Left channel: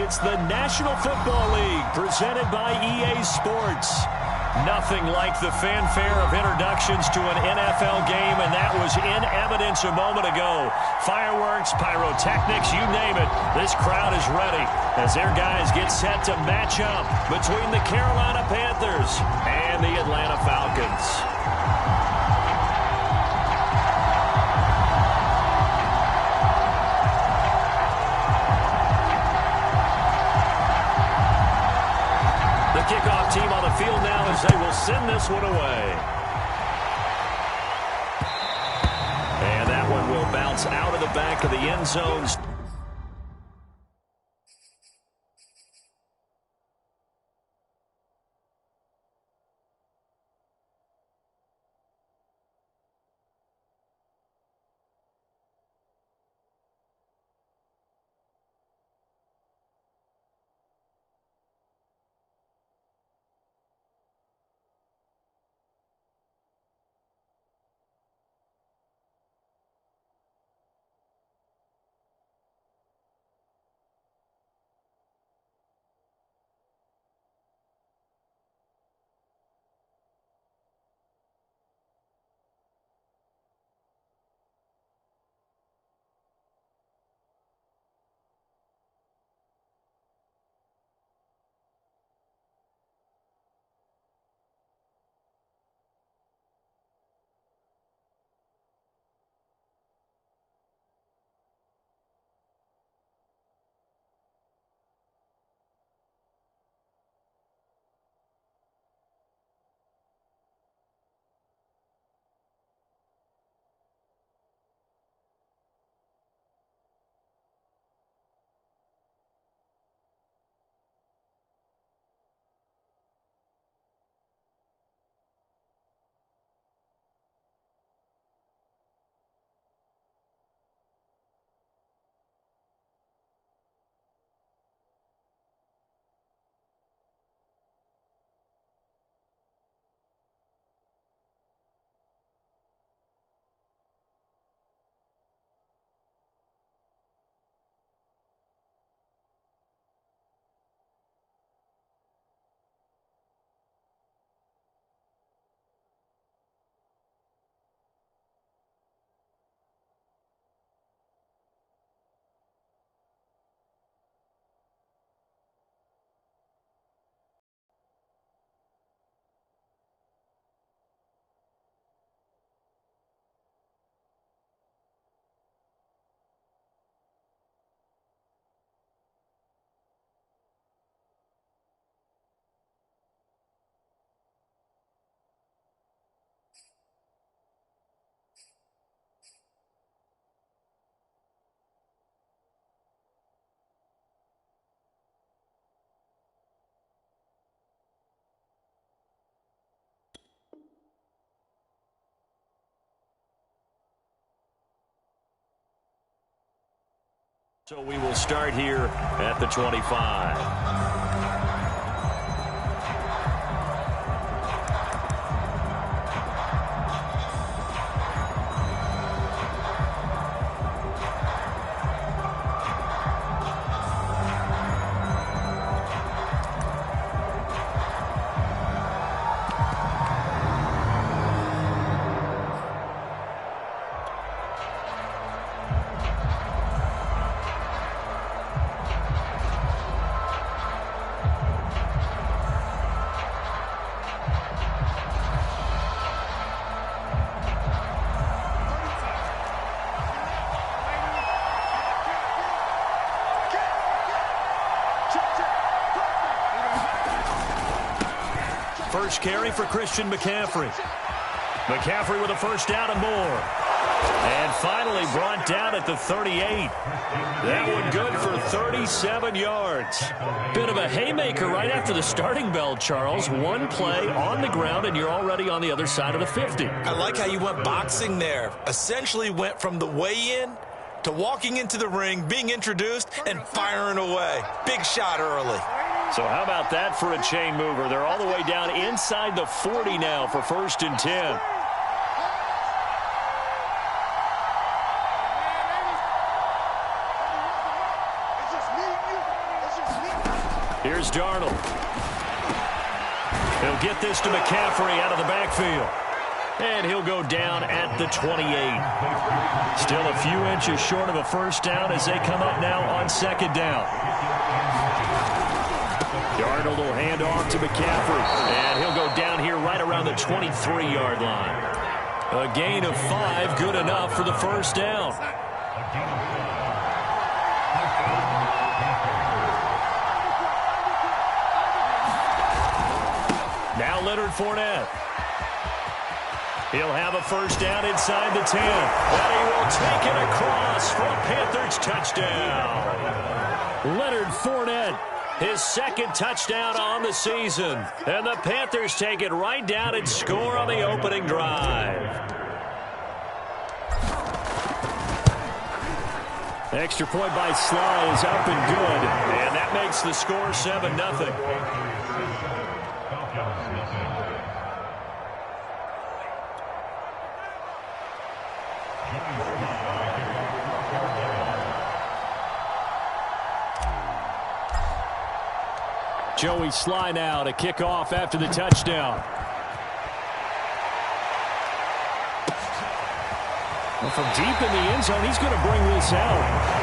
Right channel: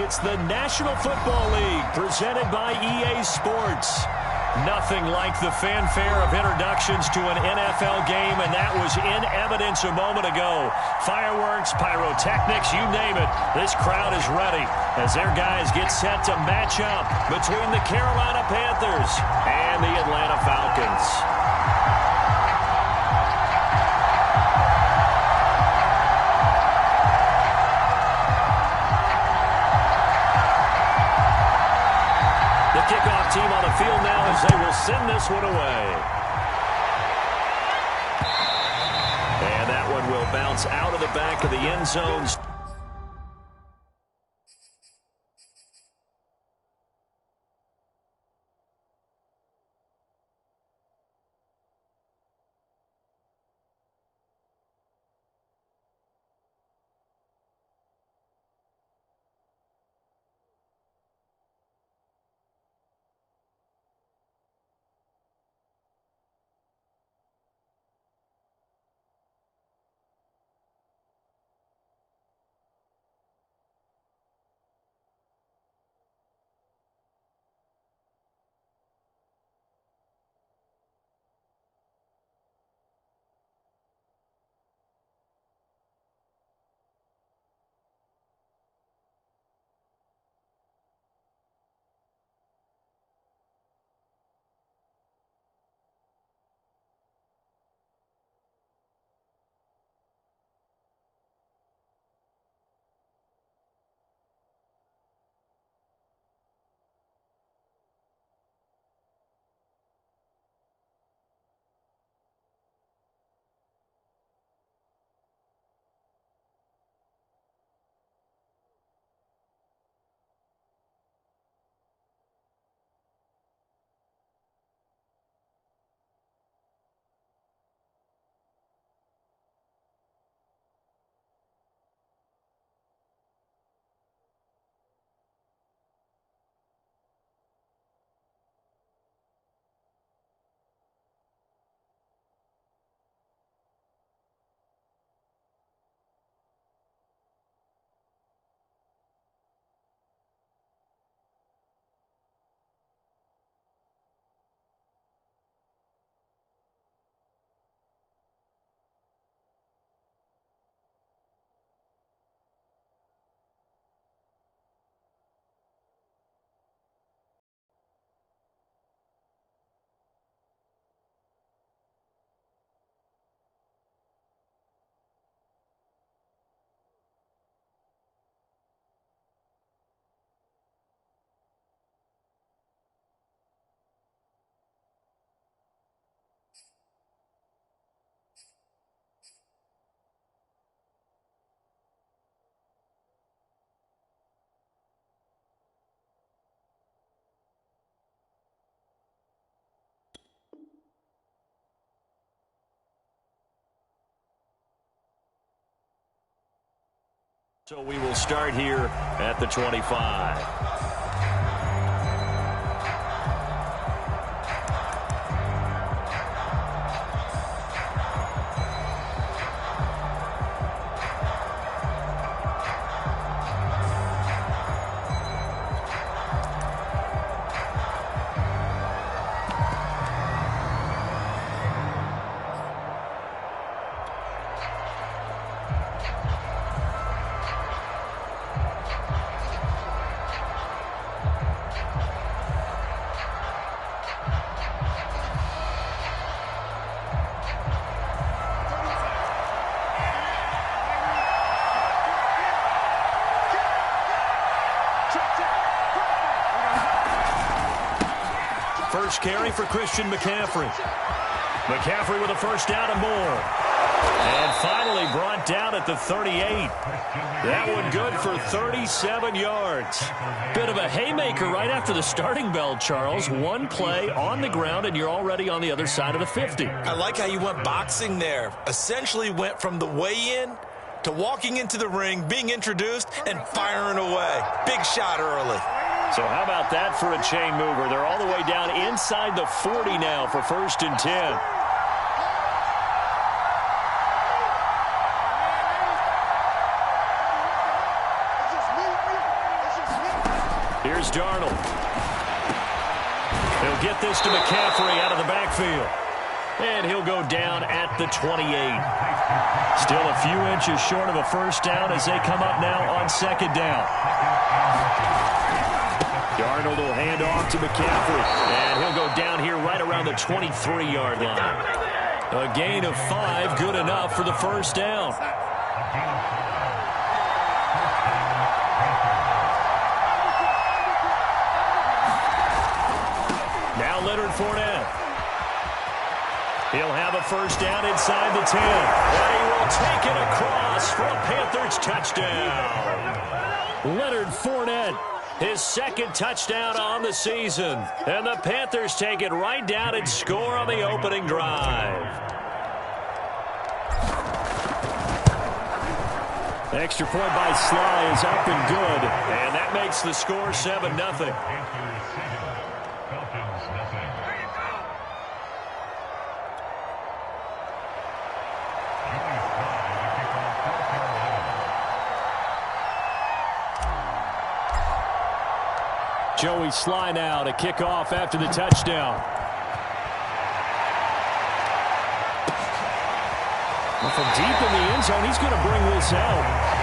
It's the National Football League presented by EA Sports. Nothing like the fanfare of introductions to an NFL game, and that was in evidence a moment ago. Fireworks, pyrotechnics, you name it. This crowd is ready as their guys get set to match up between the Carolina Panthers and the Atlanta Falcons. The kickoff team on the field now as they will send this one away. And that one will bounce out of the back of the end zone. So we will start here at the 25. First carry for Christian McCaffrey. McCaffrey with a first down and more. And finally brought down at the 38. That one good for 37 yards. Bit of a haymaker right after the starting bell, Charles. One play on the ground, and you're already on the other side of the 50. I like how you went boxing there. Essentially went from the weigh-in to walking into the ring, being introduced, and firing away. Big shot early. So how about that for a chain mover? They're all the way down inside the 40 now for 1st and 10. Here's Darnold. He'll get this to McCaffrey out of the backfield. And he'll go down at the 28. Still a few inches short of a first down as they come up now on second down. Darnold will hand off to McCaffrey. And he'll go down here right around the 23-yard line. A gain of 5, good enough for the first down. Now Leonard Fournette. He'll have a first down inside the 10. And he will take it across for a Panthers touchdown. Leonard Fournette, his second touchdown on the season. And the Panthers take it right down and score on the opening drive. Extra point by Sly is up and good. And that makes the score 7-0. Joey Sly now to kick off after the touchdown. Well, from deep in the end zone, he's going to bring this out.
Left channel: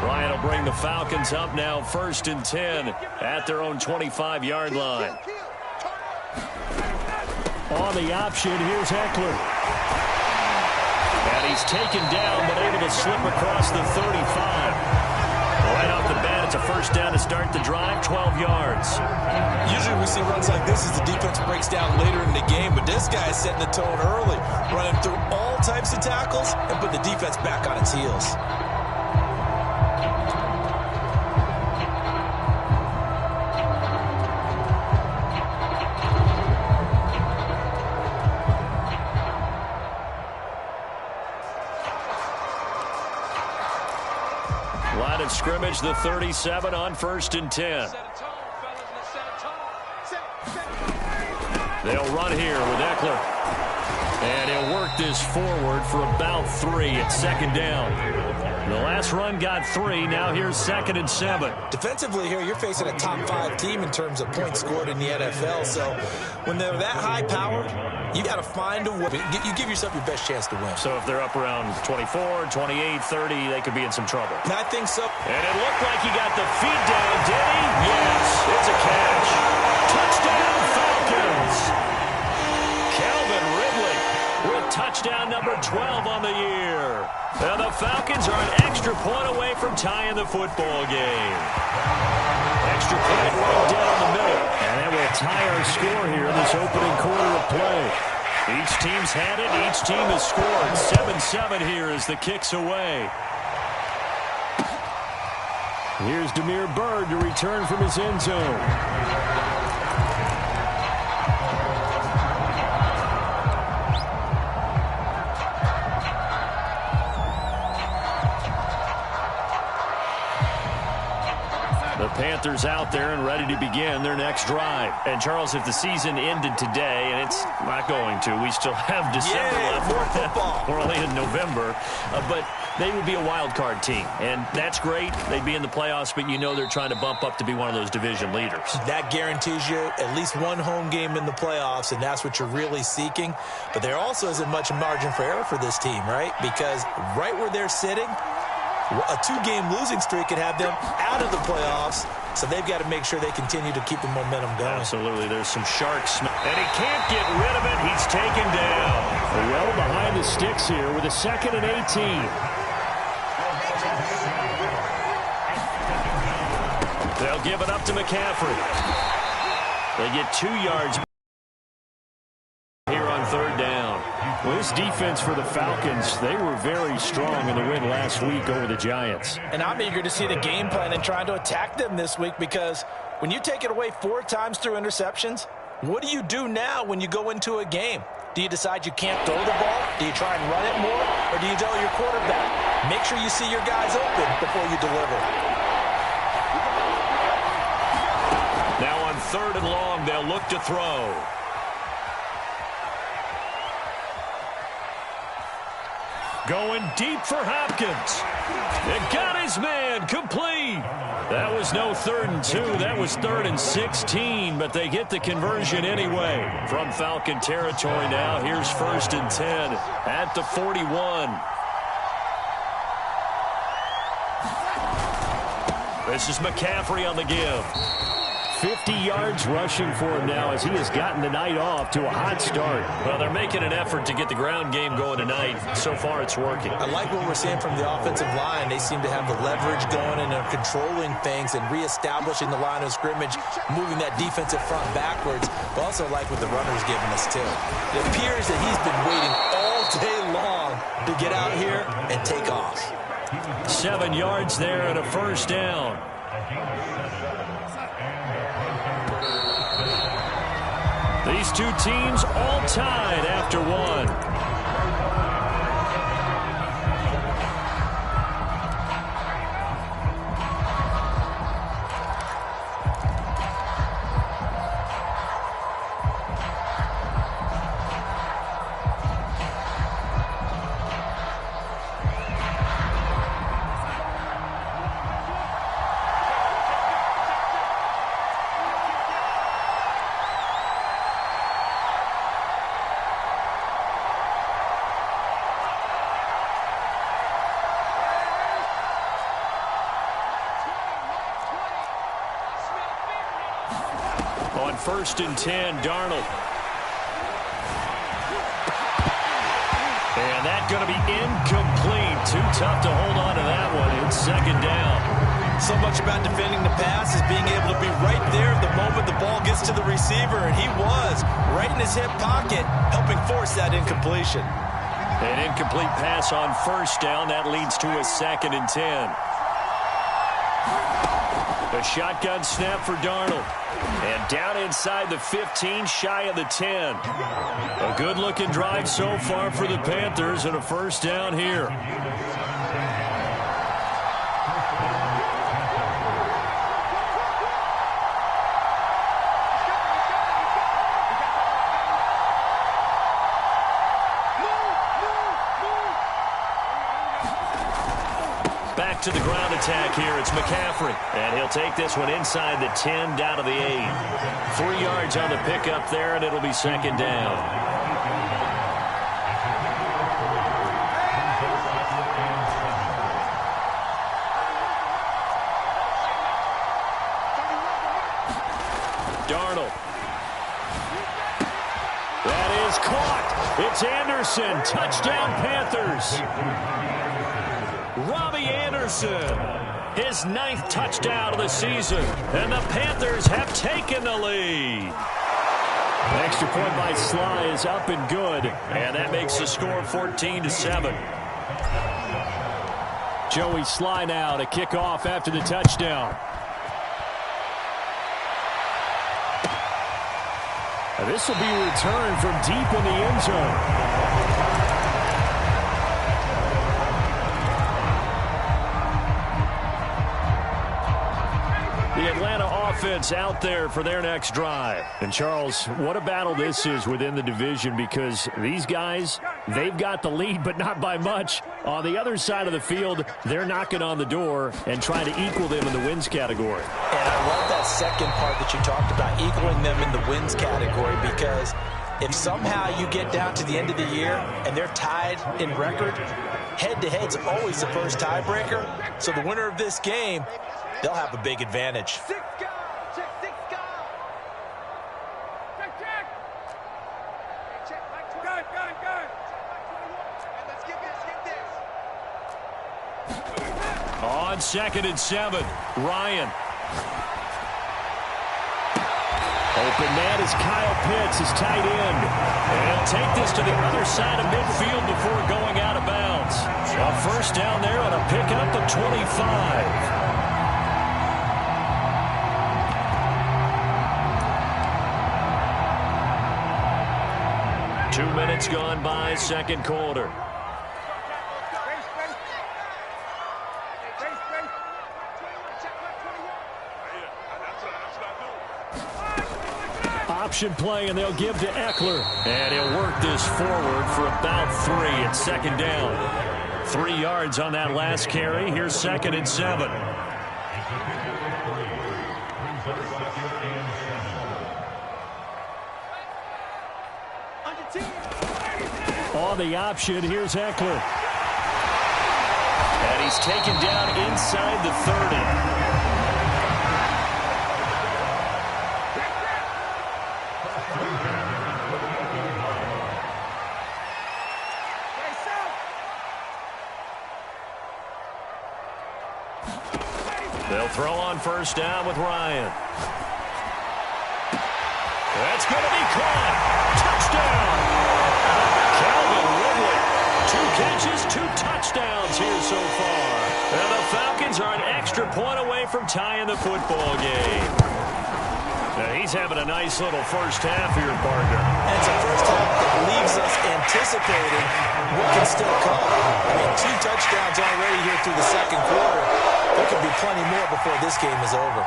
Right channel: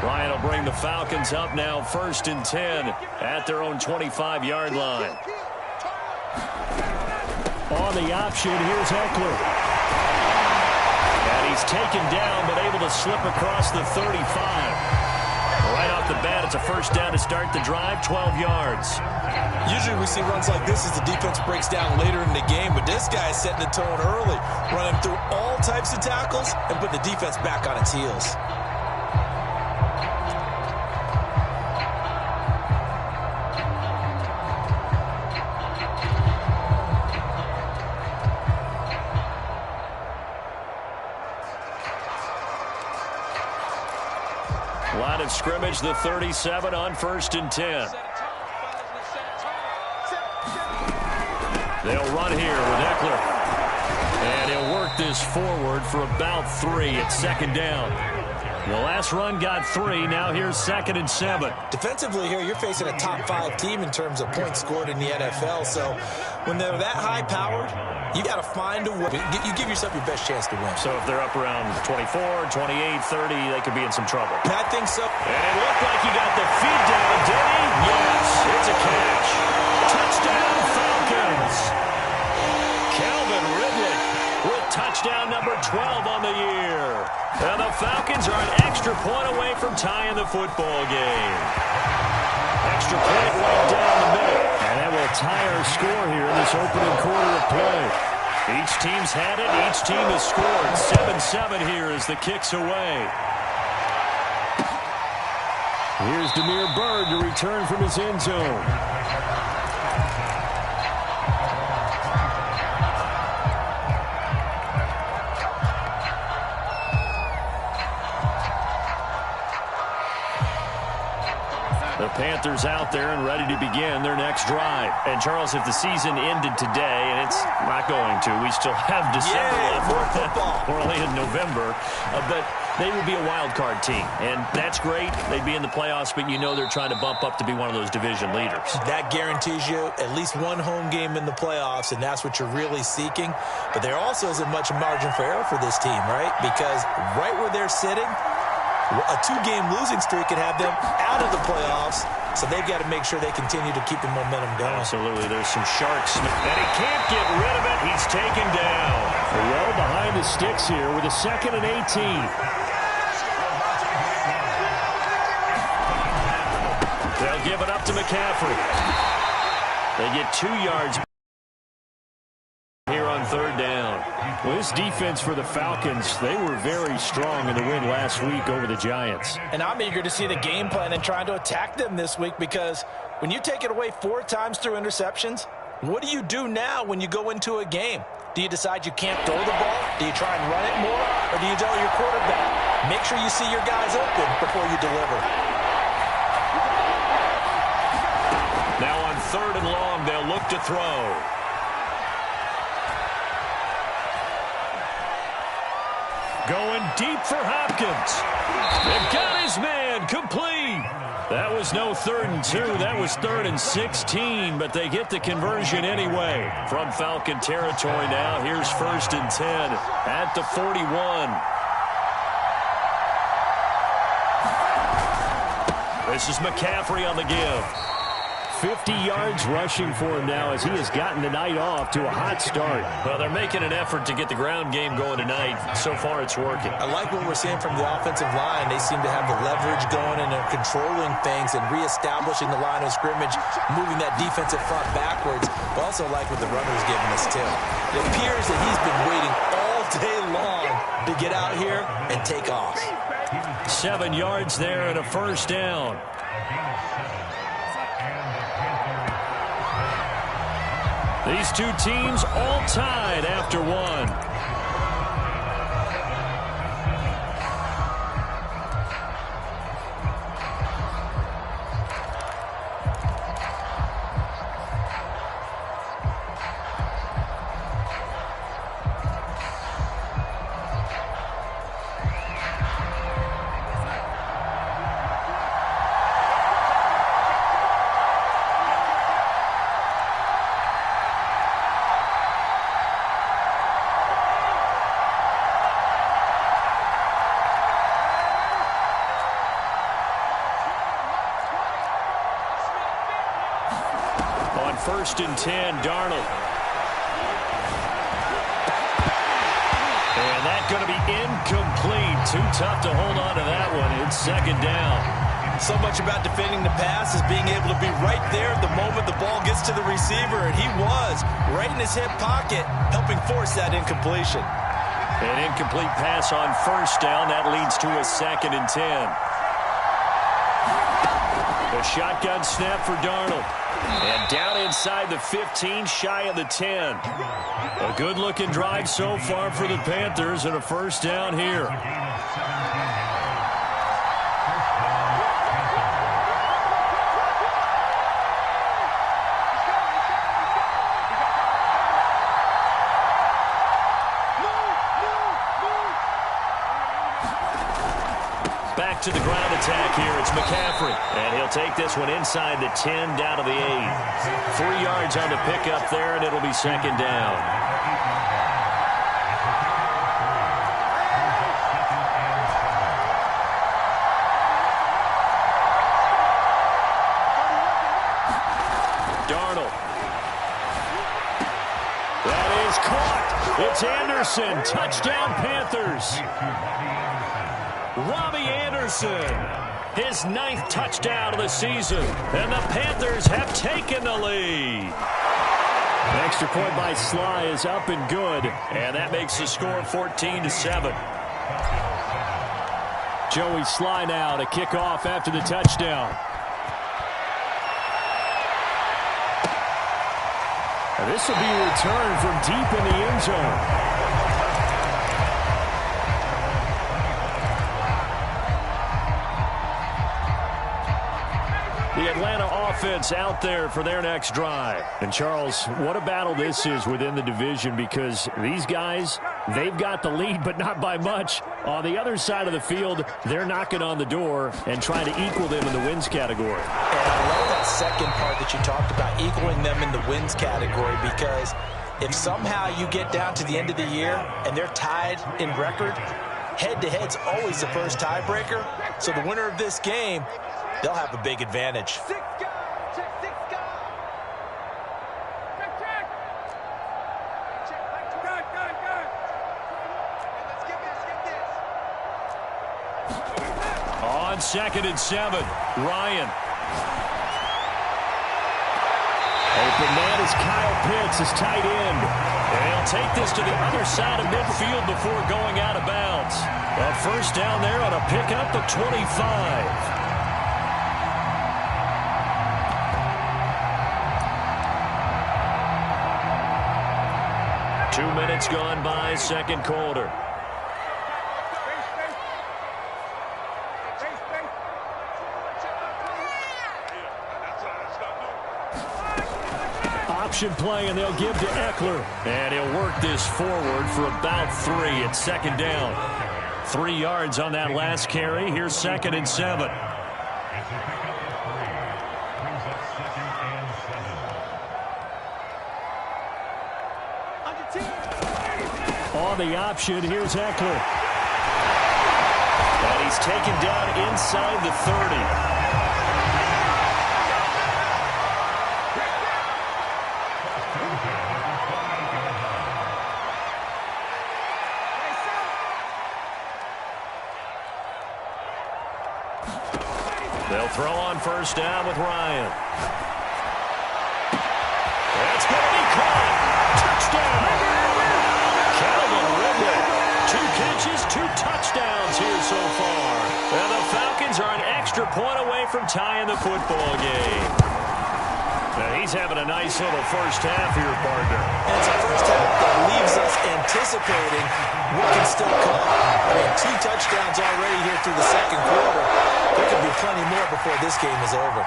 Bryant will bring the Falcons up now 1st and 10 at their own 25-yard line. On the option, here's Eckler. And he's taken down but able to slip across the 35. Right off the bat, it's a first down to start the drive, 12 yards. Usually we see runs like this as the defense breaks down later in the game, but this guy is setting the tone early, running through all types of tackles and put the defense back on its heels. Line of scrimmage, the 37 on 1st and 10. They'll run here with Eckler. And he'll work this forward for about 3 at 2nd down. The last run got 3. Now here's 2nd and 7. Defensively here, you're facing a top 5 team in terms of points scored in the NFL. So when they're that high-powered, you got to find a way. You give yourself your best chance to win. So if they're up around 24, 28, 30, they could be in some trouble. I think so. And it looked like he got the feed down, did he? Yes, it's a catch. Touchdown, Falcons. Calvin Ridley with touchdown number 12 on the year. And the Falcons are an extra point away from tying the football game. Extra point right down the middle. And that will tie our score here in this opening quarter of play. Each team's had it. Each team has scored. 7-7 here as the kick's away. Here's Damiere Byrd to return from his end zone. The Panthers out there and ready to begin their next drive. And, Charles, if the season ended today, and it's not going to, we still have December left. More football. We're only in November. But they would be a wild card team. And that's great. They'd be in the playoffs, but you know they're trying to bump up to be one of those division leaders. That guarantees you at least one home game in the playoffs, and that's what you're really seeking. But there also isn't much margin for error for this team, right? Because right where they're sitting, a 2-game losing streak could have them out of the playoffs, so they've got to make sure they continue to keep the momentum going. Absolutely. There's some sharks. And he can't get rid of it. He's taken down. Well behind the sticks here with a 2nd and 18. They'll give it up to McCaffrey. They get 2 yards here on third down. Well, this defense for the Falcons, they were very strong in the win last week over the Giants. And I'm eager to see the game plan and trying to attack them this week, because when you take it away 4 times through interceptions, what do you do now when you go into a game? Do you decide you can't throw the ball? Do you try and run it more? Or do you tell your quarterback, make sure you see your guys open before you deliver? Now on 3rd and long, they'll look to throw. Going deep for Hopkins. It got his man complete. That was no 3rd and 2. That was 3rd and 16, but they get the conversion anyway. From Falcon territory now, here's 1st and 10 at the 41. This is McCaffrey on the give. 50 yards rushing for him now as he has gotten the night off to a hot start. Well, they're making an effort to get the ground game going tonight. So far, it's working. I like what we're seeing from the offensive line. They seem to have the leverage going and are controlling things and reestablishing the line of scrimmage, moving that defensive front backwards. But also like what the runner's giving us, too. It appears that he's been waiting all day long to get out here and take off. 7 yards there and a 1st down. These two teams all tied after one. On 1st and 10, Darnold. And that's going to be incomplete. Too tough to hold on to that one. It's 2nd down. So much about defending the pass is being able to be right there at the moment the ball gets to the receiver, and he was right in his hip pocket, helping force that incompletion. An incomplete pass on 1st down. That leads to a 2nd and 10. A shotgun snap for Darnold. And down inside the 15, shy of the 10. A good-looking drive so far for the Panthers, and a 1st down here. Back to the ground attack here. It's McCaffrey. And he'll take this one inside the 10, down to the 8. 3 yards on the pickup there, and it'll be 2nd down. Darnold. That is caught. It's Anderson. Touchdown, Panthers. Robbie Anderson, his 9th touchdown of the season, and the Panthers have taken the lead. The extra point by Sly is up and good, and that makes the score 14-7. Joey Sly now to kick off after the touchdown. And this will be returned from deep in the end zone. The Atlanta offense out there for their next drive. And, Charles, what a battle this is within the division, because these guys, they've got the lead, but not by much. On the other side of the field, they're knocking on the door and trying to equal them in the wins category. And I love that second part that you talked about, equaling them in the wins category, because if somehow you get down to the end of the year and they're tied in record, head-to-head's always the first tiebreaker. So the winner of this game, they'll have a big advantage. On 2nd and 7, Ryan. Open man is Kyle Pitts, his tight end. And he'll take this to the other side of midfield before going out of bounds. A first down there on a pickup of 25. 2 minutes gone by, second quarter. Option play, and they'll give to Eckler. And he'll work this forward for about 3 at second down. 3 yards on that last carry. Here's 2nd and 7. On the option, here's Eckler. And he's taken down inside the 30. They'll throw on first down with Ryan. That's going to be caught. Touchdown. Calvin Ridley. 2 catches, 2 touchdowns here so far. And the Falcons are an extra point away from tying the football game. Now he's having a nice little first half here, partner. And it's a first half that leaves us anticipating what can still come. I mean, 2 touchdowns already here through the second quarter. There could be plenty more before this game is over.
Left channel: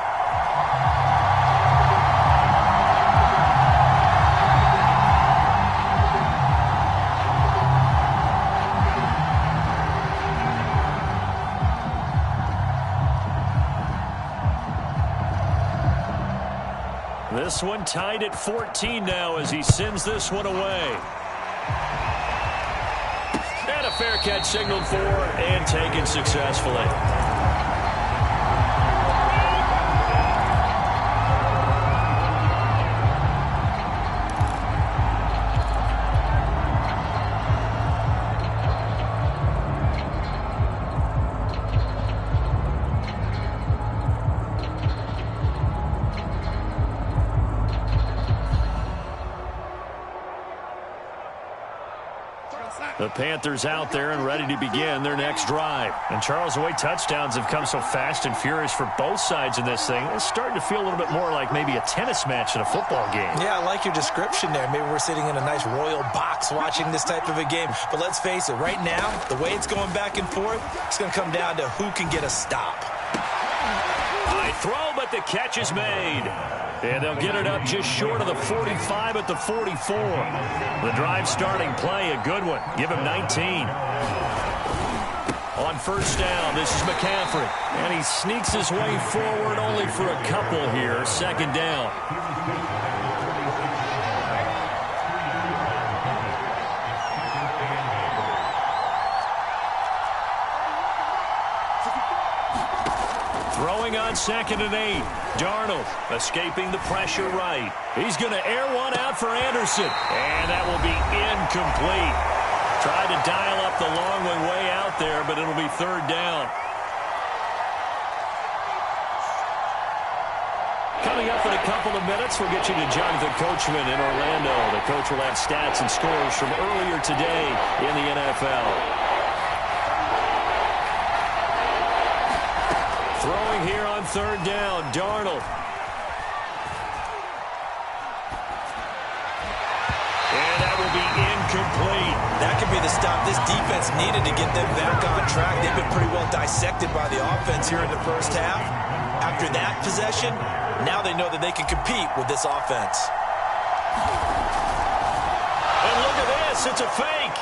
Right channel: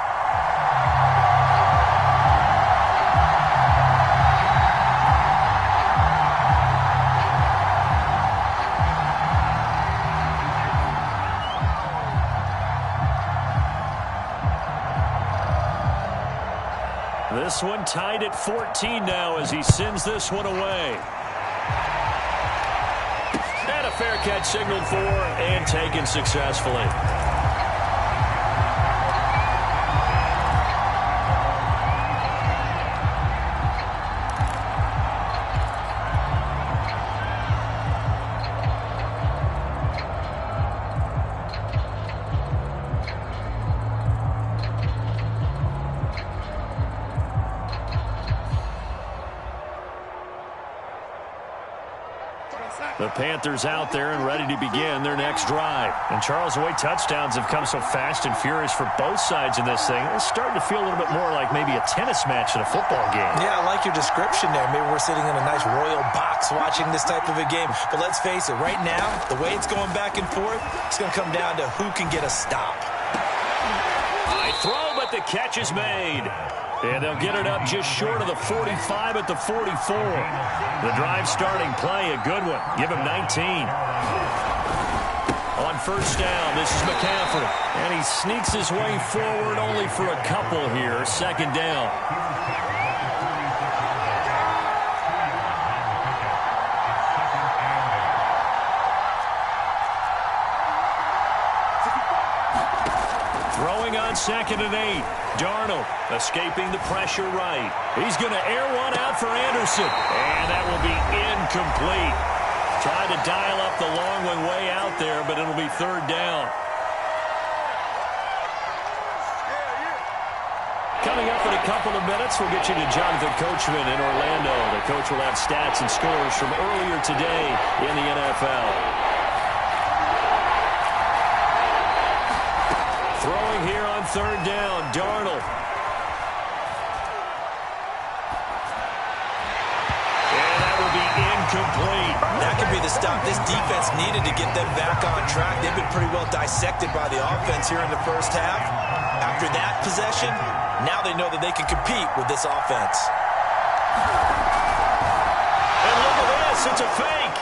This one tied at 14 now as he sends this one away. And a fair catch signaled for and taken successfully. The Panthers out there and ready to begin their next drive. And Charles, the way touchdowns have come so fast and furious for both sides in this thing, it's starting to feel a little bit more like maybe a tennis match at a football game. Yeah, I like your description there. Maybe we're sitting in a nice royal box watching this type of a game. But let's face it, right now, the way it's going back and forth, it's going to come down to who can get a stop. High throw, but the catch is made. And they'll get it up just short of the 45 at the 44. The drive starting play, a good one. Give him 19. On first down, this is McCaffrey. And he sneaks his way forward only for a couple here. Second down. Throwing on 2nd and 8. Darnold escaping the pressure right. He's going to air one out for Anderson. And that will be incomplete. Tried to dial up the long one way out there, but it'll be 3rd down. Coming up in a couple of minutes, we'll get you to Jonathan Coachman in Orlando. The coach will have stats and scores from earlier today in the NFL. Throwing here on 3rd down, Darnold. And that will be incomplete. That could be the stop this defense needed to get them back on track. They've been pretty well dissected by the offense here in the first half. After that possession, now they know that they can compete with this offense. And look at this, it's a fake.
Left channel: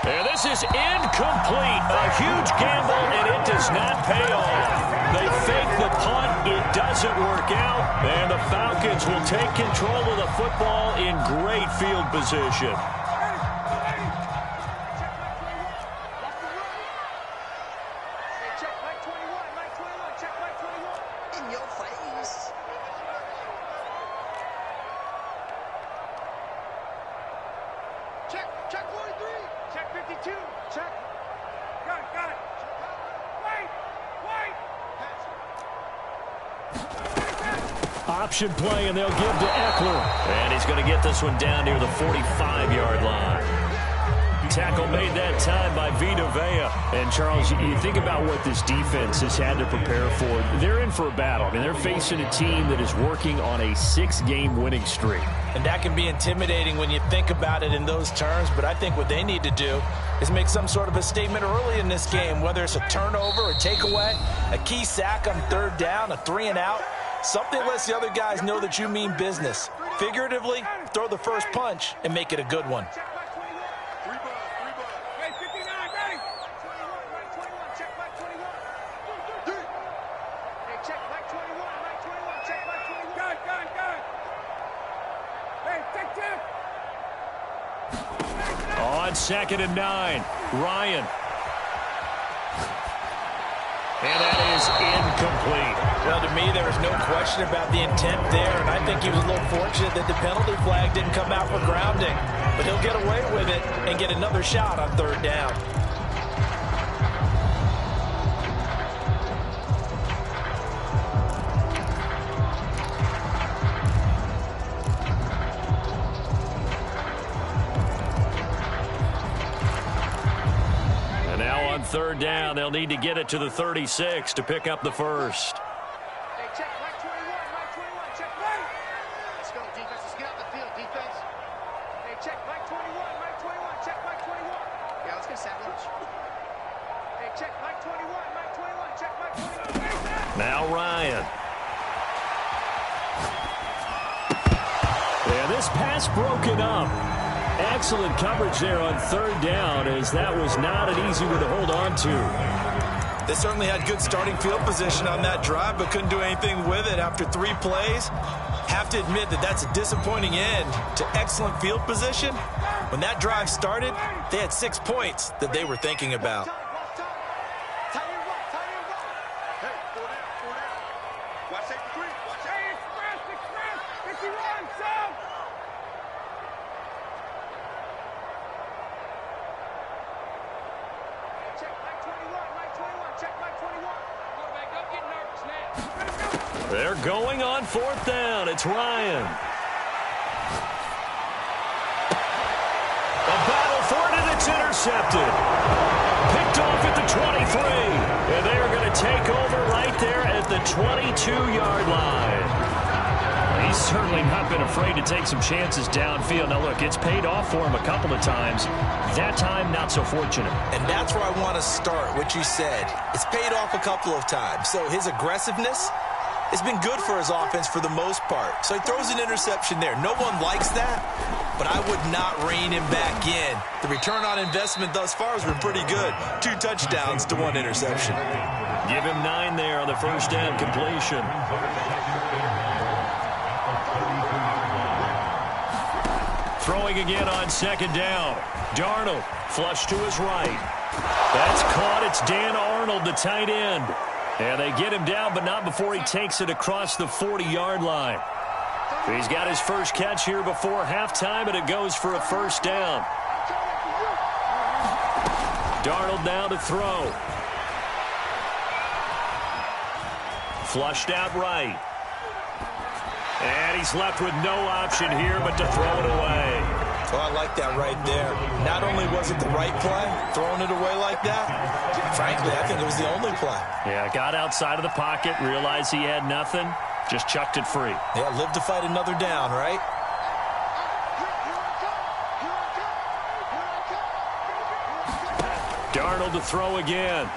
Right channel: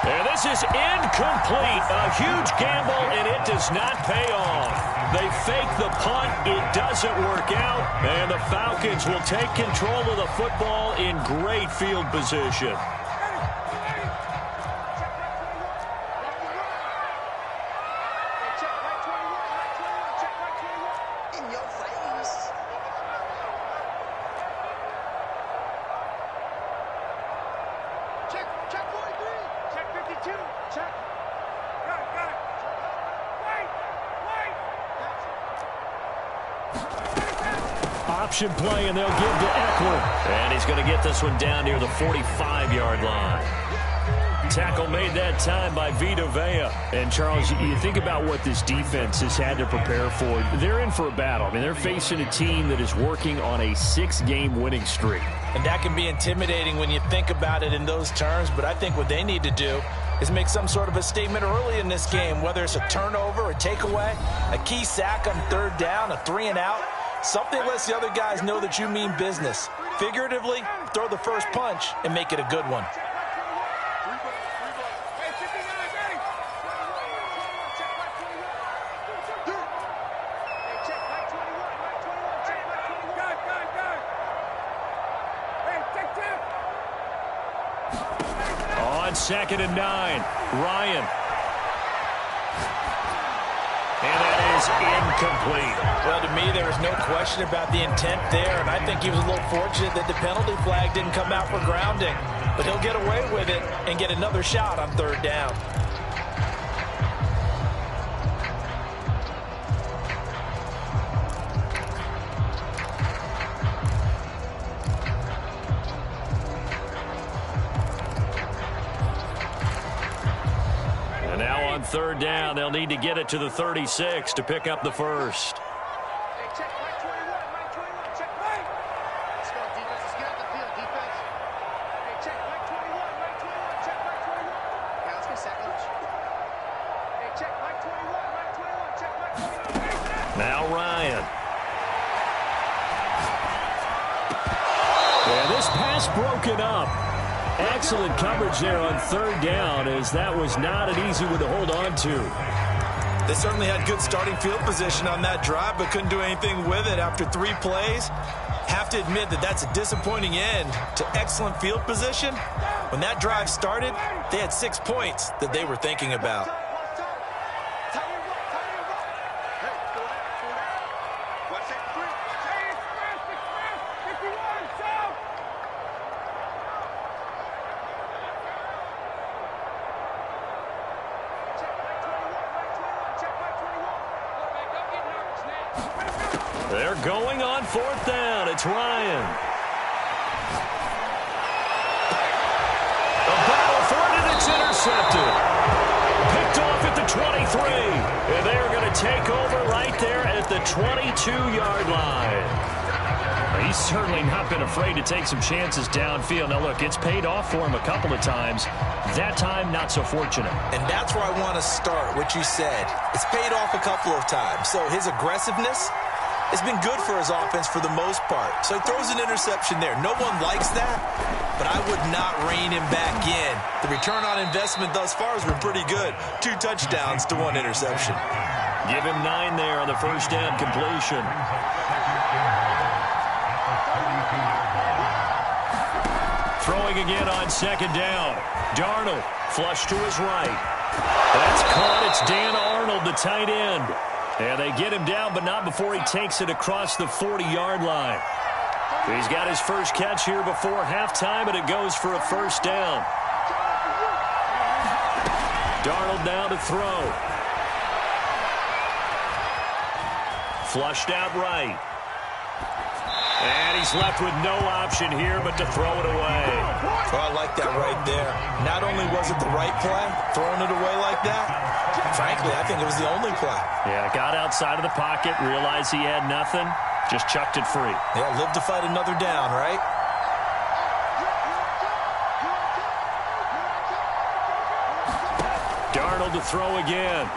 And this is incomplete. A huge gamble, and it does not pay off. They fake the punt. It doesn't work out. And the Falcons will take control of the football in great field position. In your face. Check 43. Check 52. Check. Got it. Wait. Option play, and they'll give to Eckler. And he's going to get this one down near the 45-yard line. Tackle made that time by Vita Vea. And, Charles, you think about what this defense has had to prepare for. They're in for a battle. I mean, they're facing a team that is working on a 6-game winning streak. And that can be intimidating when you think about it in those terms. But I think what they need to do is make some sort of a statement early in this game, whether it's a turnover, a takeaway, a key sack on third down, a 3-and-out. Something lets the other guys know that you mean business. Figuratively, throw the first punch and make it a good one. On 2nd and 9, Ryan. And that is incomplete. Well, to me, there was no question about the intent there, and I think he was a little fortunate that the penalty flag didn't come out for grounding. But he'll get away with it and get another shot on third down. Now on third down, they'll need to get it to the 36 to pick up the first. Hey, check, Mike 21, Mike 21, check, Mike. Let's go, defense. Let's get out the field, defense. Hey, check, Mike 21, Mike 21, check, Mike 21. Yeah, let's get sack lunch. Hey, check, Mike 21, Mike 21, check, Mike 21. Now Ryan. And this pass broken up. Excellent coverage there on third down, as that was not an easy one to hold on to. They certainly had good starting field position on that drive, but couldn't do anything with it after 3 plays. Have to admit that that's a disappointing end to excellent field position. When that drive started, they had 6 points that they were thinking about. They're going on 4th down. It's Ryan. A battle for it, and it's intercepted. Picked off at the 23. And they are going to take over right there at the 22-yard line. He's certainly not been afraid to take some chances downfield. Now, look, it's paid off for him a couple of times. That time, not so fortunate. And that's where I want to start, what you said. It's paid off a couple of times. So his aggressiveness has been good for his offense for the most part. So he throws an interception there. No one likes that, but I would not rein him back in. The return on investment thus far has been pretty good. 2 touchdowns to 1 interception. Give him 9 there on the first down completion. Throwing again on 2nd down. Darnold, flush to his right. That's caught. It's Dan Arnold, the tight end. And they get him down, but not before he takes it across the 40-yard line. He's got his first catch here before halftime, and it goes for a first down. Darnold now to throw. Flushed out right. And he's left with no option here but to throw it away. Oh, I like that right there. Not only was it the right play, throwing it away like that, frankly, I think it was the only play. Yeah, got outside of the pocket, realized he had nothing, just chucked it free. Yeah, live to fight another down, right? Darnold to throw again.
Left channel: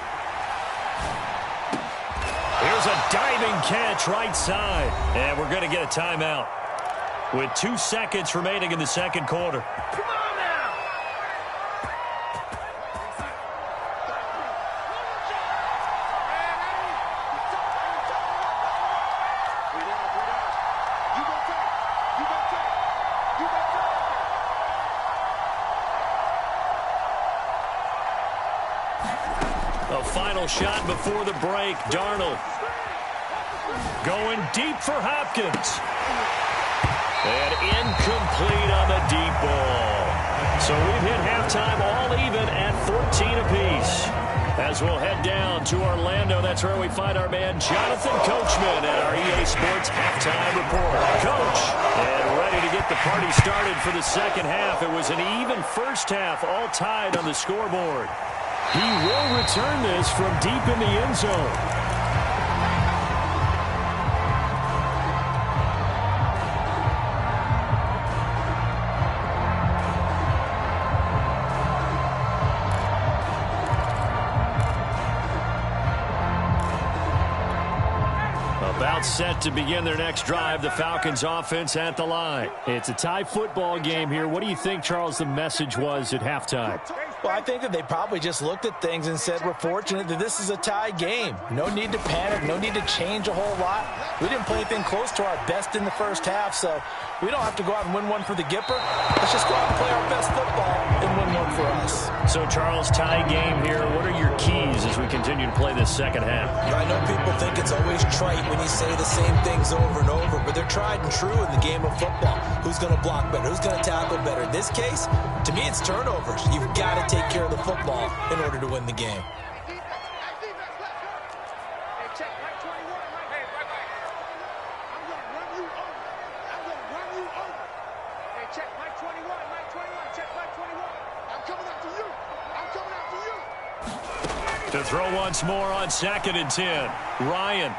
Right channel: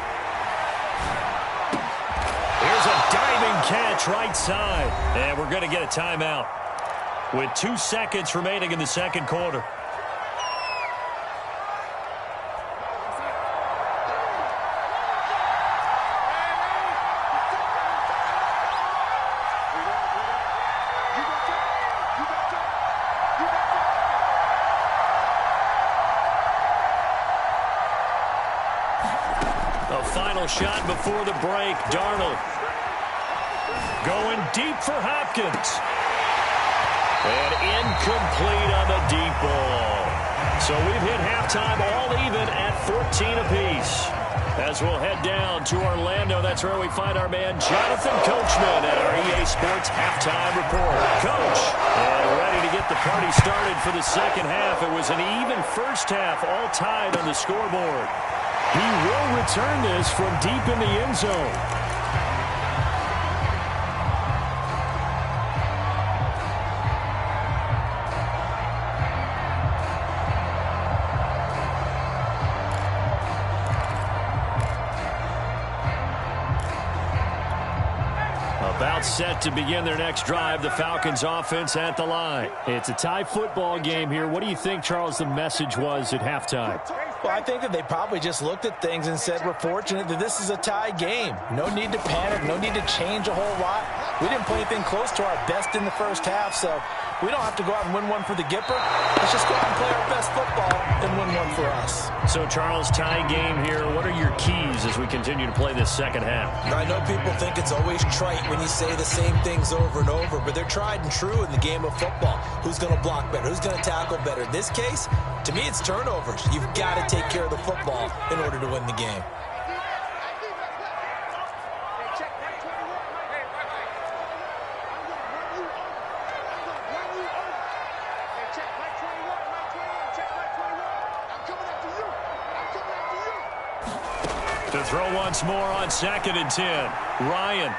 Here's a diving catch right side. And we're going to get a timeout with 2 seconds remaining in the second quarter. A final shot before the break. Darnold going deep for Hopkins. And incomplete on the deep ball. So we've hit halftime all even at 14 apiece. As we'll head down to Orlando, that's where we find our man Jonathan Coachman at our EA Sports Halftime Report. Coach, and ready to get the party started for the second half. It was an even first half, all tied on the scoreboard. He will return this from deep in the end zone. About set to begin their next drive, the Falcons offense at the line. It's a tie football game here. What do you think, Charles, the message was at halftime? Well, I think that they probably just looked at things and said, we're fortunate that this is a tie game. No need to panic. No need to change a whole lot. We didn't play anything close to our best in the first half, so we don't have to go out and win one for the Gipper. Let's just go out and play our best football and win one for us. So, Charles, tie game here. What are your keys as we continue to play this second half? I know people think it's always trite when you say the same things over and over, but they're tried and true in the game of football. Who's going to block better? Who's going to tackle better? In this case, to me, it's turnovers. You've got to take care of the football in order to win the game. To throw once more on 2nd and 10. Ryan.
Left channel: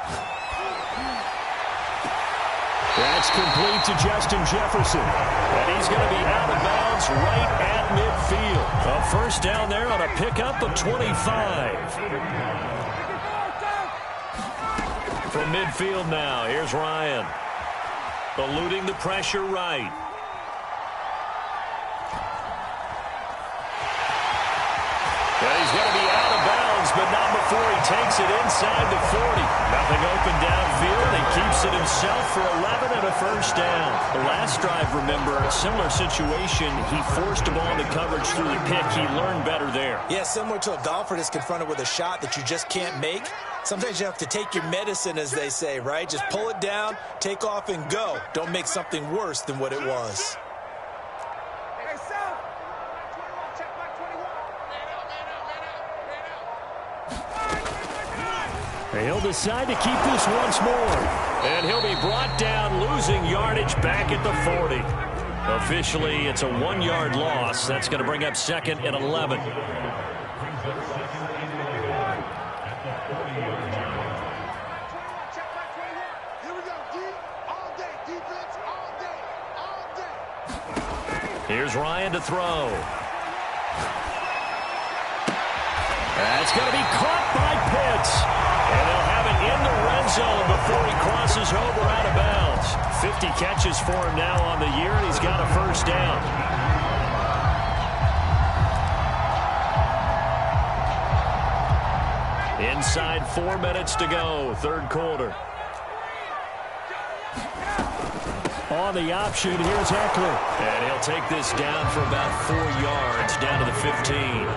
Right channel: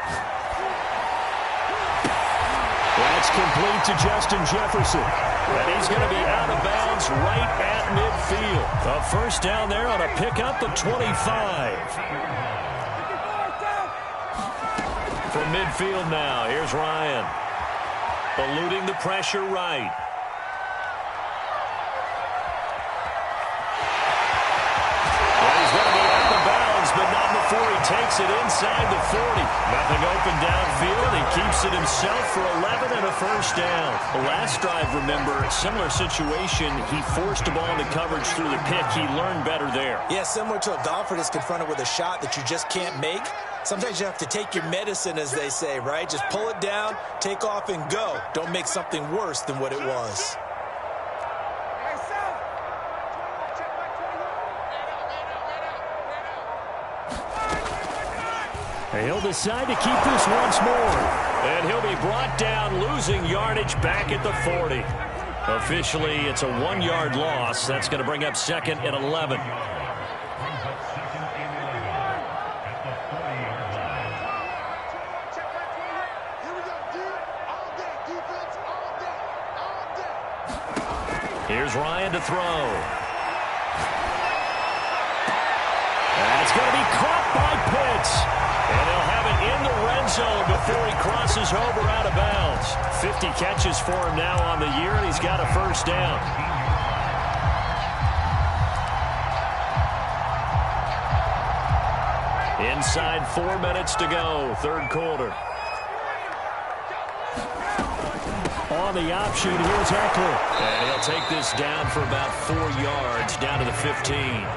That's complete to Justin Jefferson. And he's going to be out of bounds right at midfield. A first down there on a pickup of 25. From midfield now, here's Ryan. Eluding the pressure right. And he's going to be out of bounds, but not before he takes it inside the 40. Nothing open downfield. He keeps it himself for 11 and a first down. The last drive, remember, similar situation. He forced a ball into coverage through the pick. He learned better there. Yeah, similar to a golfer that's confronted with a shot that you just can't make. Sometimes you have to take your medicine, as they say, right? Just pull it down, take off, and go. Don't make something worse than what it was. He'll decide to keep this once more. And he'll be brought down, losing yardage back at the 40. Officially, it's a 1-yard loss. That's going to bring up 2nd and 11. Here's Ryan to throw. That's going to be caught by Pitts. And they'll have it in the red zone before he crosses over out of bounds. 50 catches for him now on the year, and he's got a first down. Inside 4 minutes to go, third quarter. On the option, here's Eckler. And he'll take this down for about 4 yards, down to the 15.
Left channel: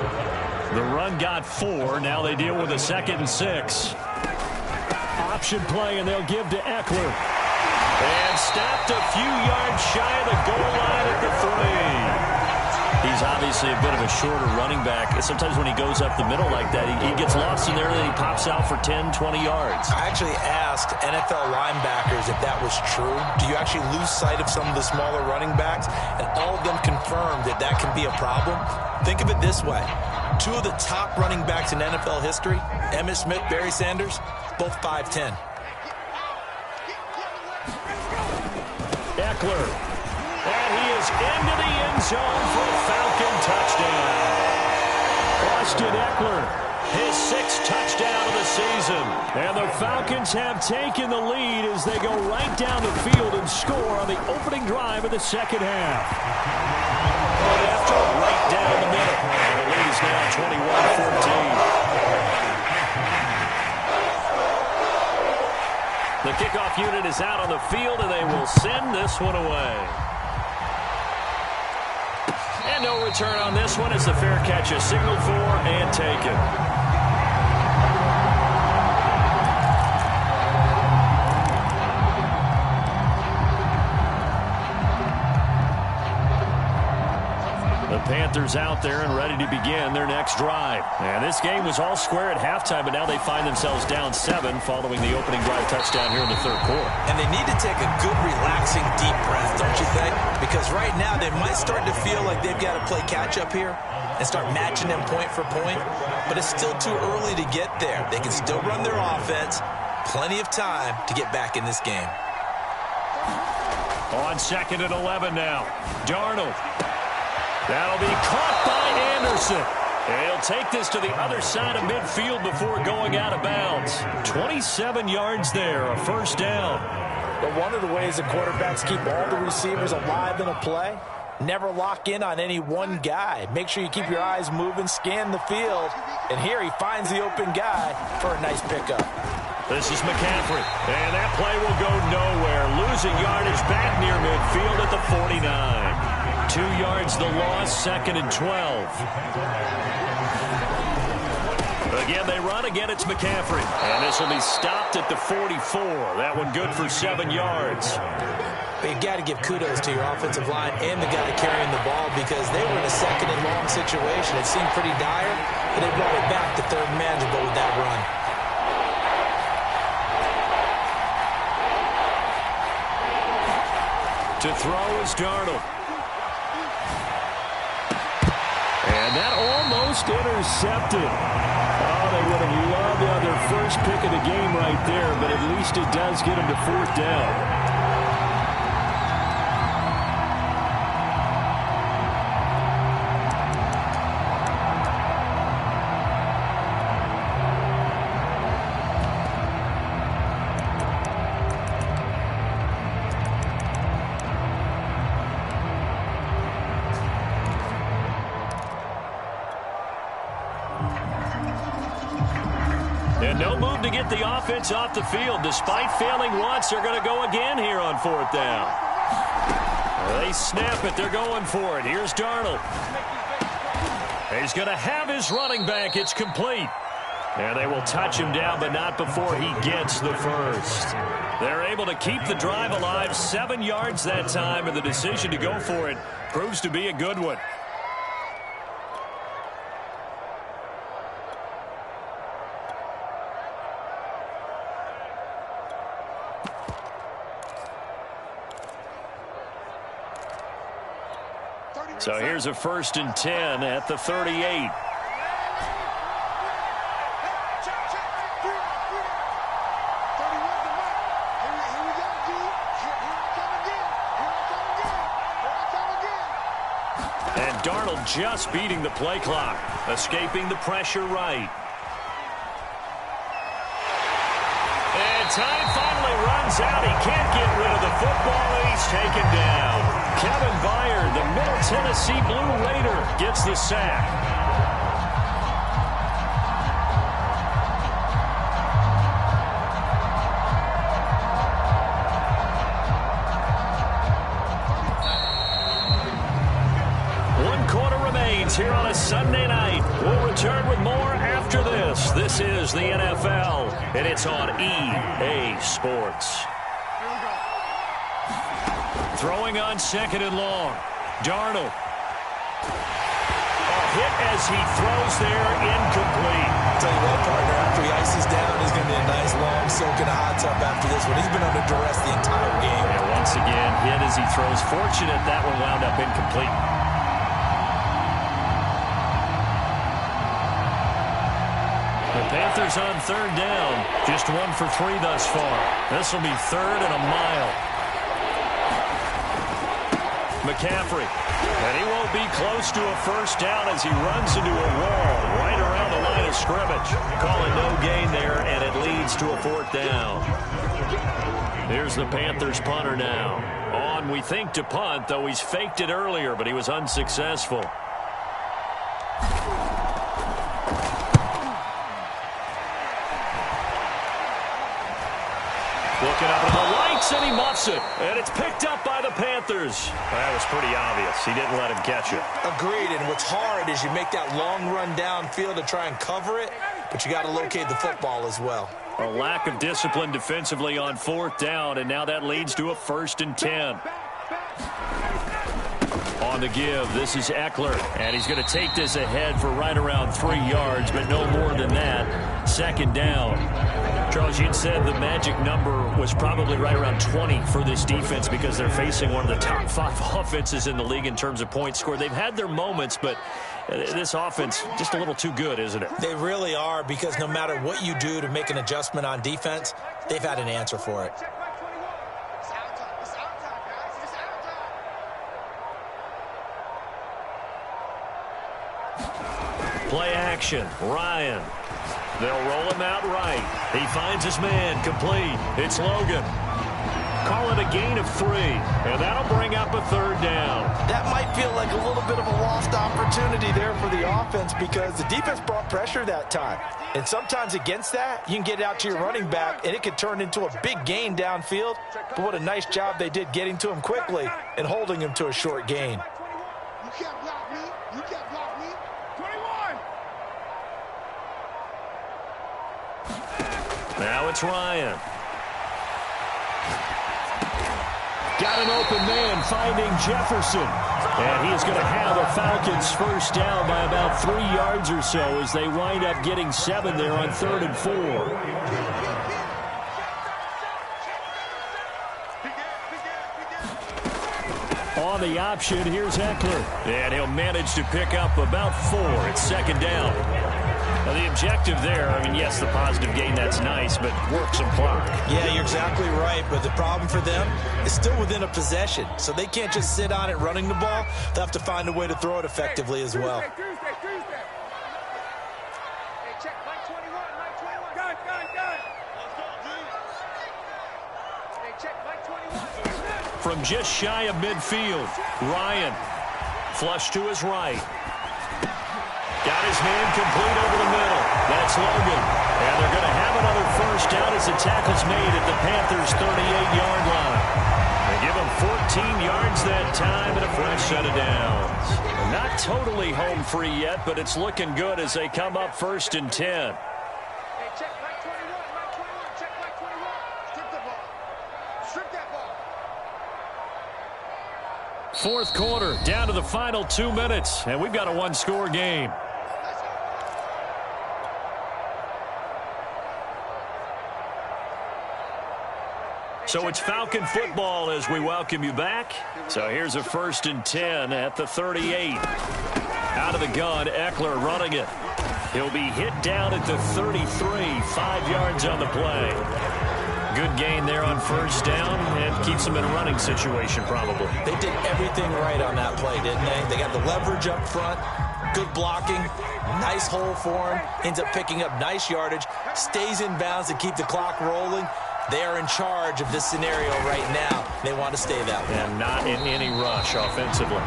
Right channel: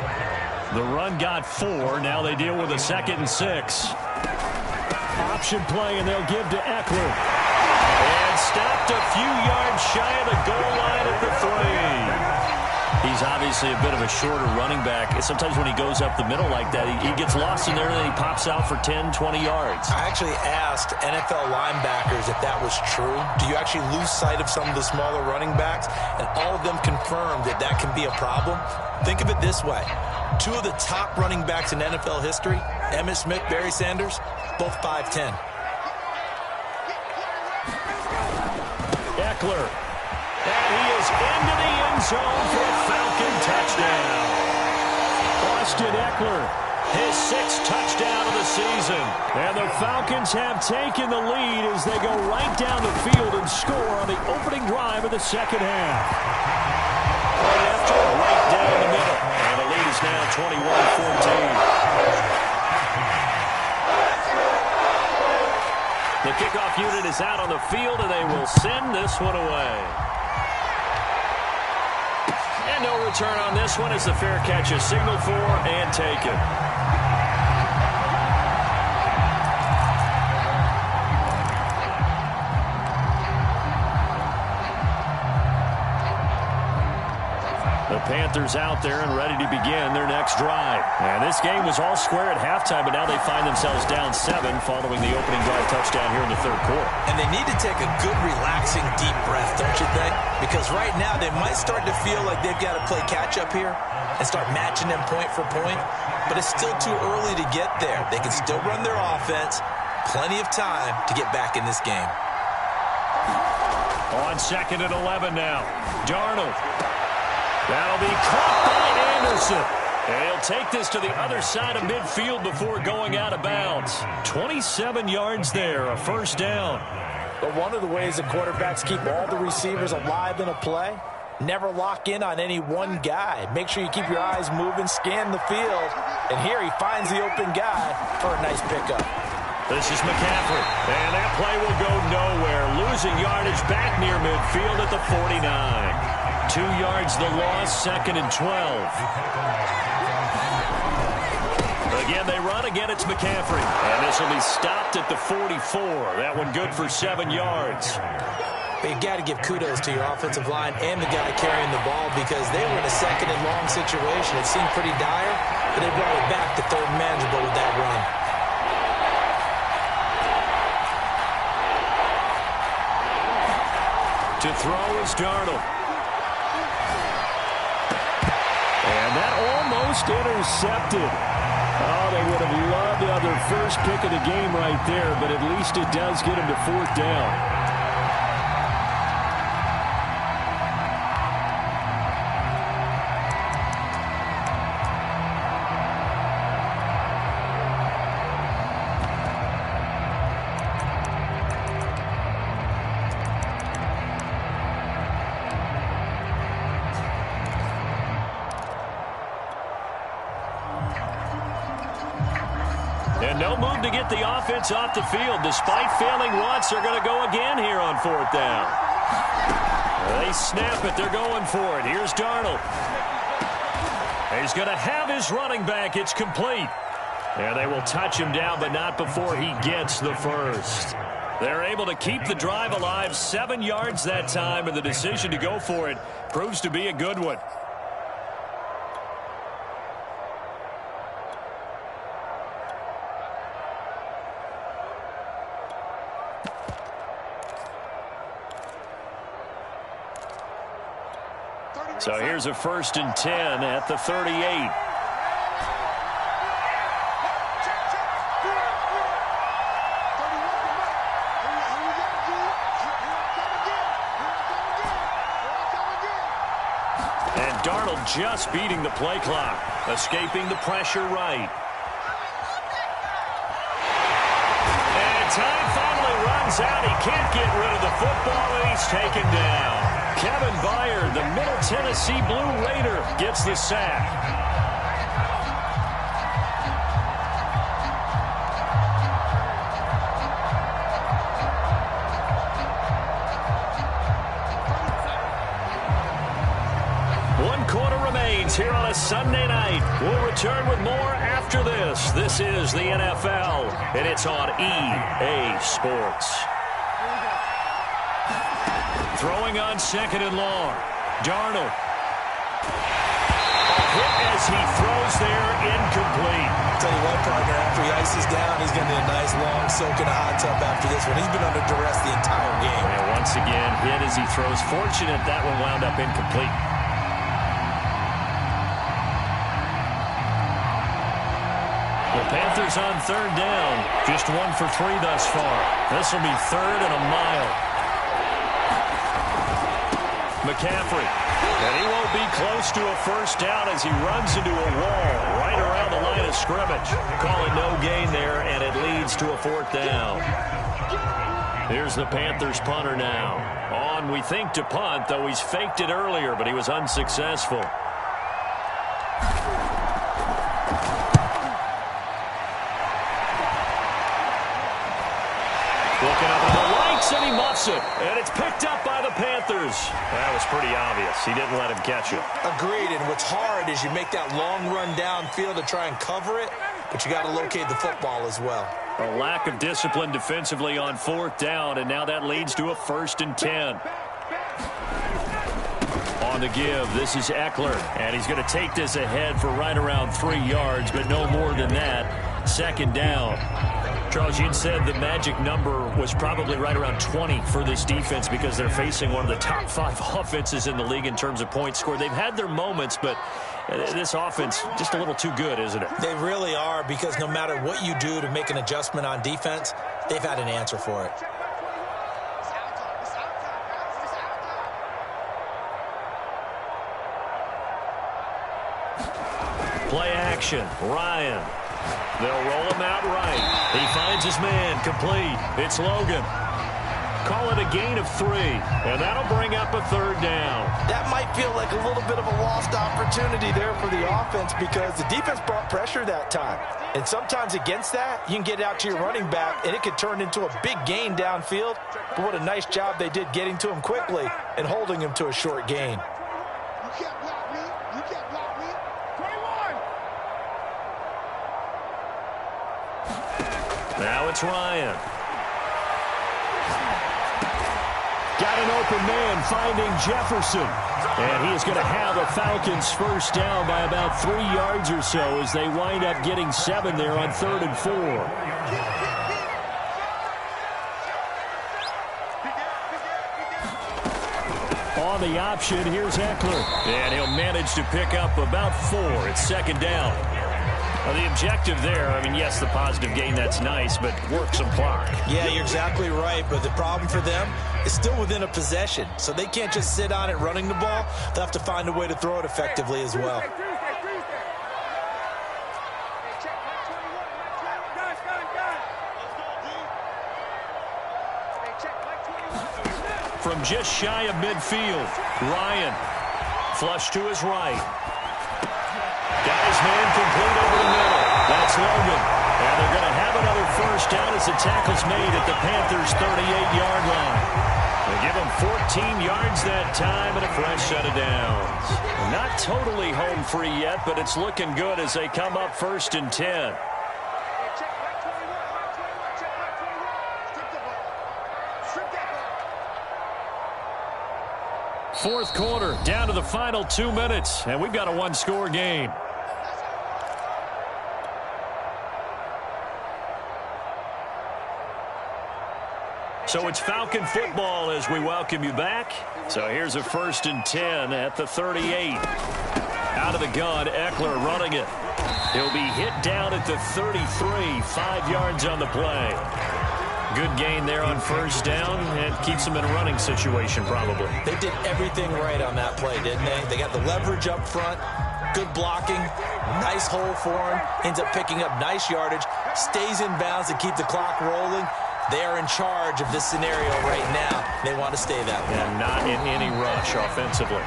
The run got 4. Now they deal with a 2nd and 6. Option play, and they'll give to Eckler. And stopped a few yards shy of the goal line at the 3. He's obviously a bit of a shorter running back. Sometimes when he goes up the middle like that, he gets lost in there, and then he pops out for 10, 20 yards. I actually asked NFL linebackers if that was true. Do you actually lose sight of some of the smaller running backs? And all of them confirmed that that can be a problem. Think of it this way. 2 of the top running backs in NFL history, Emmitt Smith, Barry Sanders, both 5'10". Eckler. And he is into the end zone for a Falcon touchdown. Austin Eckler, his 6th touchdown of the season. And the Falcons have taken the lead as they go right down the field and score on the opening drive of the second half. Point after, right down the middle. And the lead is now 21-14. The kickoff unit is out on the field, and they will send this one away. And no return on this one as the fair catch is signaled for and taken. The Panthers out there and ready to begin their next drive. And this game was all square at halftime, but now they find themselves down 7 following the opening drive touchdown here in the third quarter. And they need to take a good, relaxing, deep breath, don't you think? Because right now they might start to feel like they've got to play catch-up here and start matching them point for point. But it's still too early to get there. They can still run their offense. Plenty of time to get back in this game. On 2nd and 11 now. Darnold. That'll be caught by Anderson. And he'll take this to the other side of midfield before going out of bounds. 27 yards there, a first down. But one of the ways that quarterbacks keep all the receivers alive in a play, never lock in on any one guy. Make sure you keep your eyes moving, scan the field. And here he finds the open guy for a nice pickup. This is McCaffrey, and that play will go nowhere. Losing yardage back near midfield at the 49. 2 yards the loss, 2nd and 12. Again, they run. Again, it's McCaffrey. And this will be stopped at the 44. That one good for 7 yards. But you got to give kudos to your offensive line and the guy carrying the ball because they were in a 2nd and long situation. It seemed pretty dire, but they brought it back to 3rd and manageable with that run. To throw is Darnold. And that almost intercepted. Oh, they would have loved their first pick of the game right there, but at least it does get them to 4th down. And no move to get the offense off the field. Despite failing once, they're going to go again here on 4th down. They snap it. They're going for it. Here's Darnold. He's going to have his running back. It's complete. And they will touch him down, but not before he gets the first. They're able to keep the drive alive. 7 yards that time, and the decision to go for it proves to be a good one. So here's a 1st and 10 at the 38. And Darnold just beating the play clock, escaping the pressure right. And time finally runs out. He can't get rid of the football, and he's taken down. Kevin Byard, the Middle Tennessee Blue Raider, gets the sack. One quarter remains here on a Sunday night. We'll return with more after this. This is the NFL, and it's on EA Sports. Throwing on 2nd and long. Darnold. Hit as he throws there, incomplete. Tell you what, partner, after he ices down, he's going to need a nice long soak in a hot tub after this one. He's been under duress the entire game. And once again, hit as he throws. Fortunate that one wound up incomplete. The Panthers on 3rd down. Just 1 for 3 thus far. This will be 3rd and a mile. McCaffrey. And he won't be close to a first down as he runs into a wall right around the line of scrimmage. Calling no gain there, and it leads to a 4th down. Here's the Panthers punter now. On, we think, to punt, though he's faked it earlier, but he was unsuccessful. Looking up at the lights, and he muffs it. And it's picked up by the Panthers. That was pretty obvious. He didn't let him catch it. Agreed, and what's hard is you make that long run downfield to try and cover it, but you got to locate the football as well. A lack of discipline defensively on 4th down, and now that leads to a 1st and 10. On the give, this is Eckler, and he's going to take this ahead for right around 3 yards, but no more than that. Second down. Charles, you'd said the magic number was probably right around 20 for this defense because they're facing one of the top 5 offenses in the league in terms of points scored. They've had their moments, but this offense just a little too good, isn't it? They really are, because no matter what you do to make an adjustment on defense, they've had an answer for it. Play action. Ryan. They'll roll him out right. He finds his man. Complete. It's Logan. Call it a gain of 3, and that'll bring up a third down. That might feel like a little bit of a lost opportunity there for the offense because the defense brought pressure that time. And sometimes against that, you can get out to your running back, and it could turn into a big gain downfield. But what a nice job they did getting to him quickly and holding him to a short gain. You can't block me. You can't block me. 21. Now it's Ryan. Got an open man finding Jefferson. And he is going to have a Falcons first down by about 3 yards or so as they wind up getting 7 there on 3rd and 4. On the option, here's Eckler. And he'll manage to pick up about 4. It's second down. Well, the objective there, I mean, yes, the positive gain, that's nice, but work some clock. Yeah, you're exactly right, but the problem for them is still within a possession, so they can't just sit on it running the ball. They'll have to find a way to throw it effectively as well. Hey, check, Mike 21, Mike 21. Gun. Let's go, G. Hey, check, Mike 21. From just shy of midfield, Ryan. Flush to his right. Got his man complete over the middle. That's Logan. And they're going to have another first down as the tackle's made at the Panthers' 38-yard line. They give him 14 yards that time and a fresh set of downs. Not totally home free yet, but it's looking good as they come up 1st and 10. Hey, check, Mike 21, Mike 21, check, Mike 21. Strip the ball. Strip that ball. Fourth quarter, down to the final 2 minutes, and we've got a one-score game. So it's Falcon football as we welcome you back. So here's a 1st and 10 at the 38. Out of the gun, Eckler running it. He'll be hit down at the 33, 5 yards on the play. Good gain there on first down and keeps them in a running situation probably. They did everything right on that play, didn't they? They got the leverage up front, good blocking, nice hole for him, ends up picking up nice yardage, stays in bounds to keep the clock rolling. They are in charge of this scenario right now. They want to stay that way. And not in any rush offensively.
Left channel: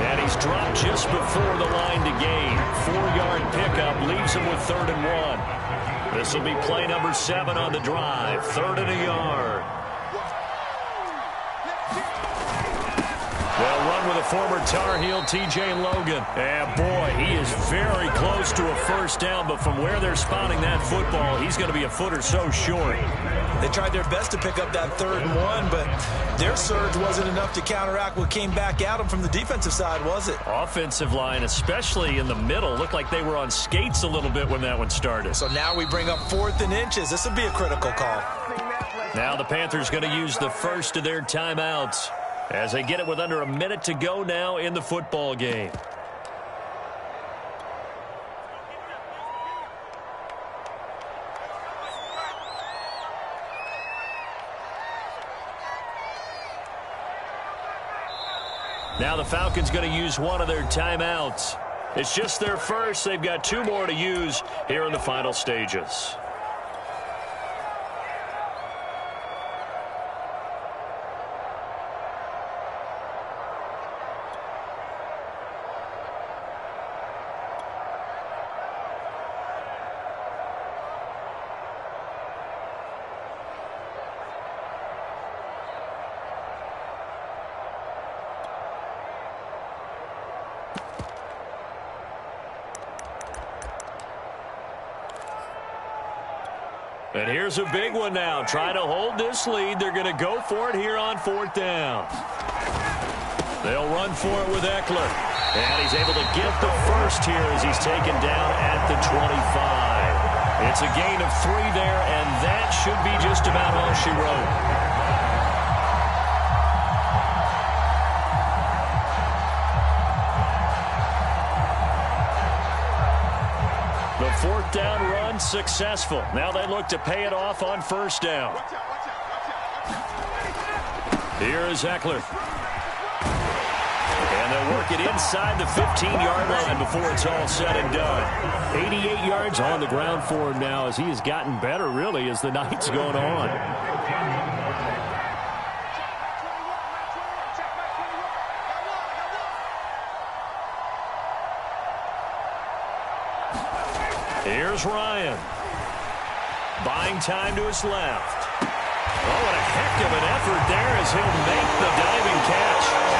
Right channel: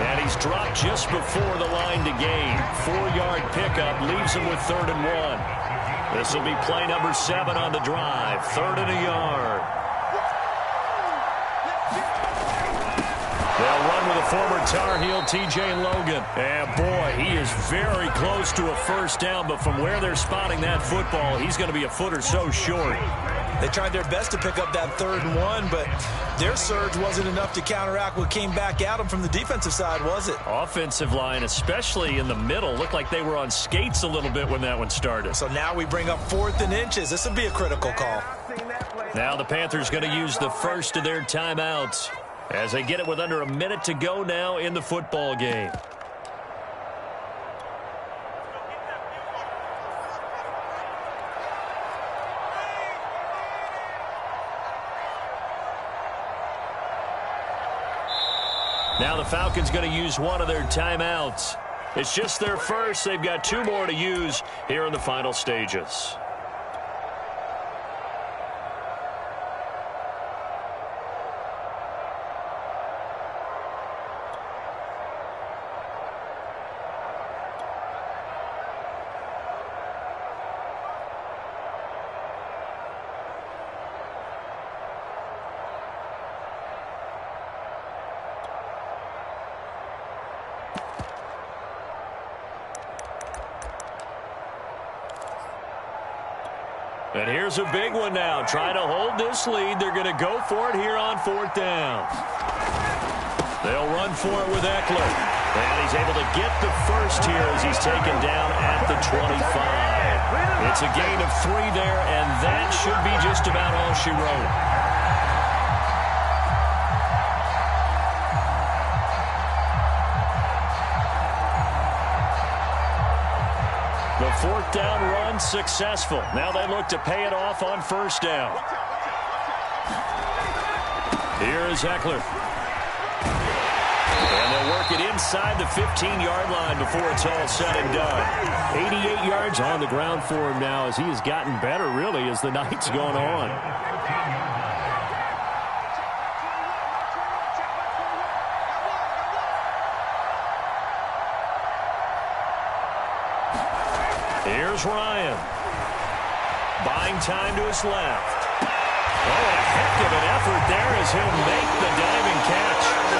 And he's dropped just before the line to gain. 4-yard pickup leaves him with 3rd and 1. This will be play number 7 on the drive. 3rd and a yard. They'll run with a former Tar Heel, T.J. Logan. And, boy, he is very close to a first down, but from where they're spotting that football, he's going to be a foot or so short. They tried their best to pick up that 3rd and 1, but their surge wasn't enough to counteract what came back at them from the defensive side, was it? Offensive line, especially in the middle, looked like they were on skates a little bit when that one started. So now we bring up 4th and inches. This will be a critical call. Now the Panthers going to use the first of their timeouts as they get it with under a minute to go now in the football game. Now the Falcons going to use one of their timeouts. It's just their first. They've got 2 more to use here in the final stages. And here's a big one now. Trying to hold this lead. They're going to go for it here on 4th down. They'll run for it with Eckler. And he's able to get the first here as he's taken down at the 25. It's a gain of 3 there, and that should be just about all she wrote. The 4th down run successful. Now they look to pay it off on 1st down. Here is Eckler. And they'll work it inside the 15-yard line before it's all said and done. 88 yards on the ground for him now as he has gotten better, really, as the night's gone on. Here's Ryan. Buying time to his left. Oh, what a heck of an effort there as he'll make the diving catch.